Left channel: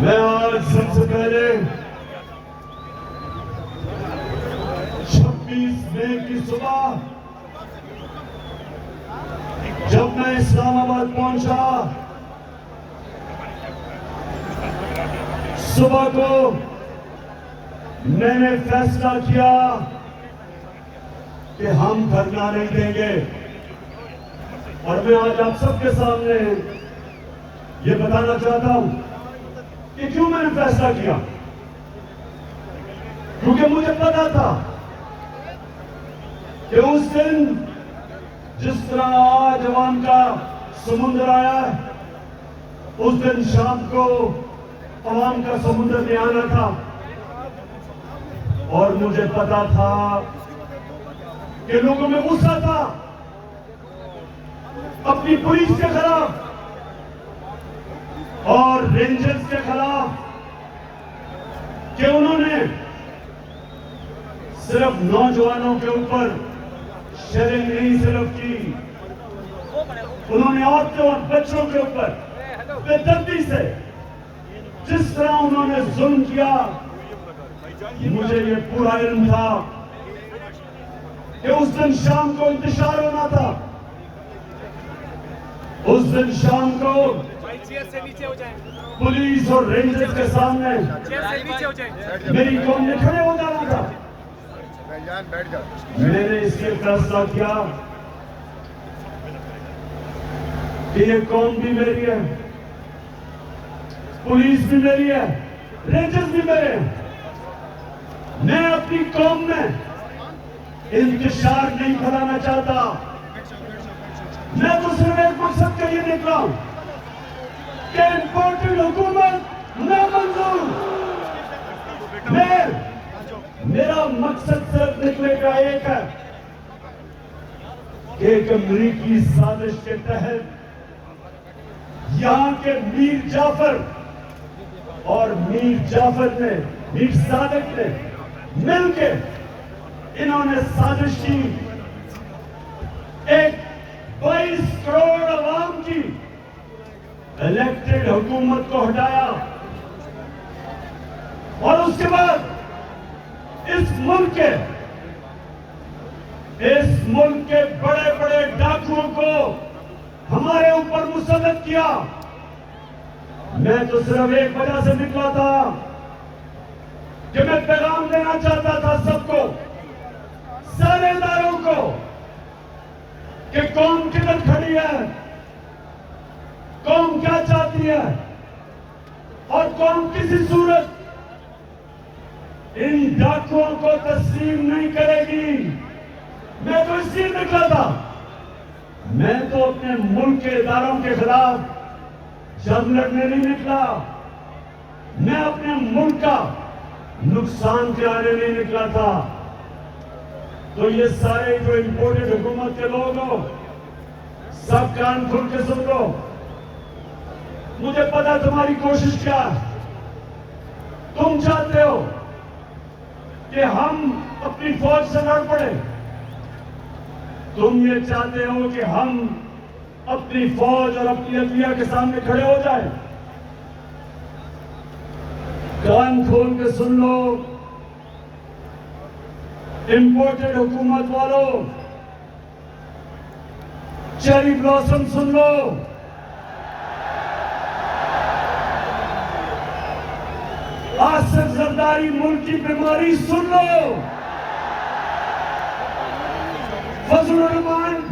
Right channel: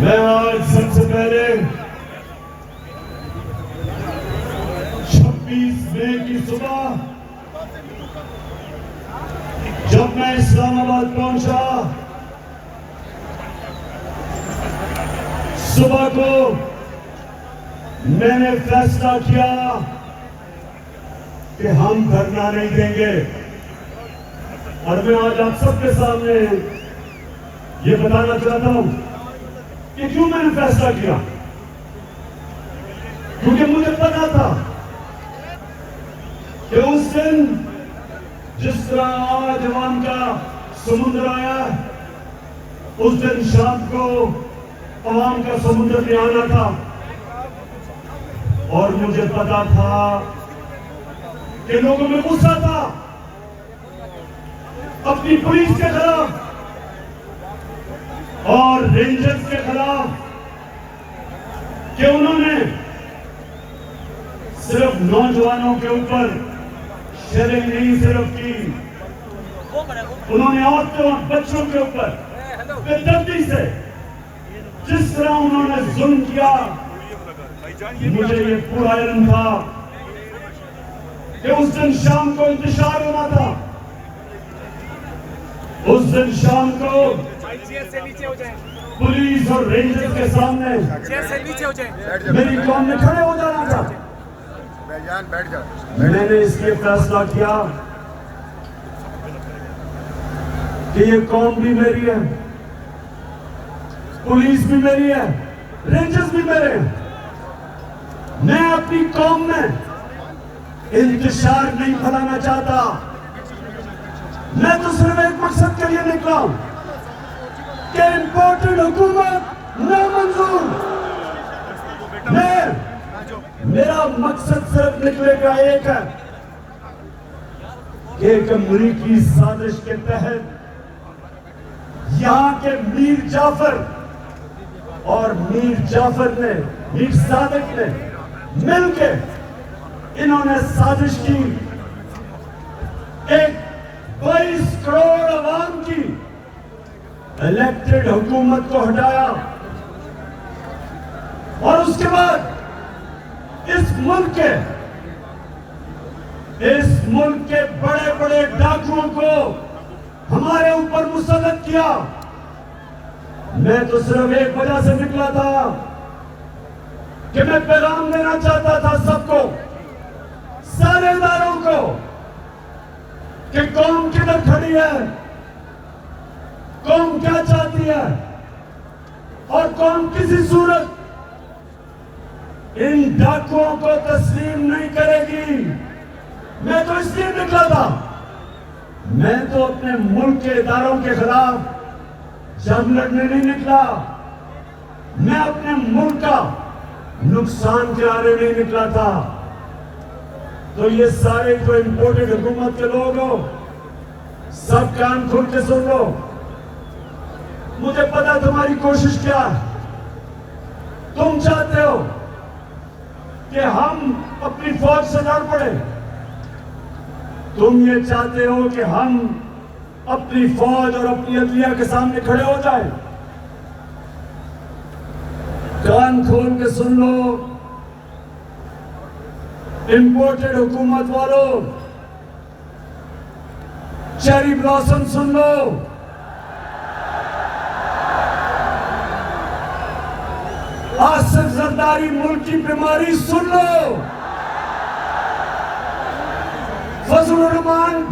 मैं आज सबसे पहले 26 मई की सुबह जब मैं इस्लामाबाद पहुंचा, सुबह को मैंने फैसला किया कि हम धरना नहीं देंगे। और मैं आज आप सबके सामने ये बताना चाहता हूं कि क्यों मैंने फैसला किया। क्योंकि मुझे पता था कि उस दिन जिस तरह आज अवाम का समुद्र आया, उस दिन शाम को अवाम का समुद्र में आना था। और मुझे पता था कि लोगों में गुस्सा था अपनी पुलिस के खिलाफ और रेंजर्स के खिलाफ कि उन्होंने सिर्फ नौजवानों के ऊपर शेयरिंग नहीं सिर्फ की, उन्होंने औरतों और बच्चों के ऊपर बेदर्दी से जिस तरह उन्होंने जुल्म किया, मुझे ये पूरा इल्म था कि उस दिन शाम को इंतशार होना था। उस दिन शाम को पुलिस और रेंजर्स के सामने मेरी कौम ने खड़े हो जाना था। मैंने इसलिए फैसला किया कि ये कौम भी मेरी है, पुलिस भी मेरी है, रेंजर्स भी मेरे हैं। मैं अपनी कौम में इंतशार नहीं फैलाना चाहता। मैं तो सिर्फ एक मकसद के लिए निकला हूं कि इम्पोर्टेड हुकूमत नामंजूर। मेरा मकसद सिर्फ निकले का एक है कि एक अमरीकी साजिश के तहत यहां के मीर जाफर और मीर सादिक ने मिलके इन्होंने साजिश की, एक 22 करोड़ अवाम की इलेक्टेड हुकूमत को हटाया। और उसके बाद इस मुल्क के बड़े बड़े डाकुओं को हमारे ऊपर मुसल्लत किया। मैं तो सिर्फ एक वजह से निकला था कि मैं पैगाम देना चाहता था सबको, सारे इदारों को, कि कौम किधर खड़ी है, कौम क्या चाहती है और कौम किसी सूरत इन डाकुओं को तस्लीम नहीं करेगी। मैं तो इसलिए निकला था। मैं तो अपने मुल्क के इदारों के खिलाफ जंग लड़ने नहीं निकला। मैं अपने मुल्क का नुकसान कराने नहीं निकला था। तो ये सारे जो इम्पोर्टेड हुकूमत के लोग हो, सब कान खोल के सुन लो। मुझे पता तुम्हारी कोशिश क्या है। तुम चाहते हो कि हम अपनी फौज से लड़ पड़े। तुम ये चाहते हो कि हम अपनी फौज और अपनी अदलिया के सामने खड़े हो जाए। कान खोल के सुन लो इंपोर्टेड हुकूमत वालों, चेरी ब्लॉसम सुन लो, आसिफ जरदारी मुल्क की बीमारी सुन लो, फजलुर रहमान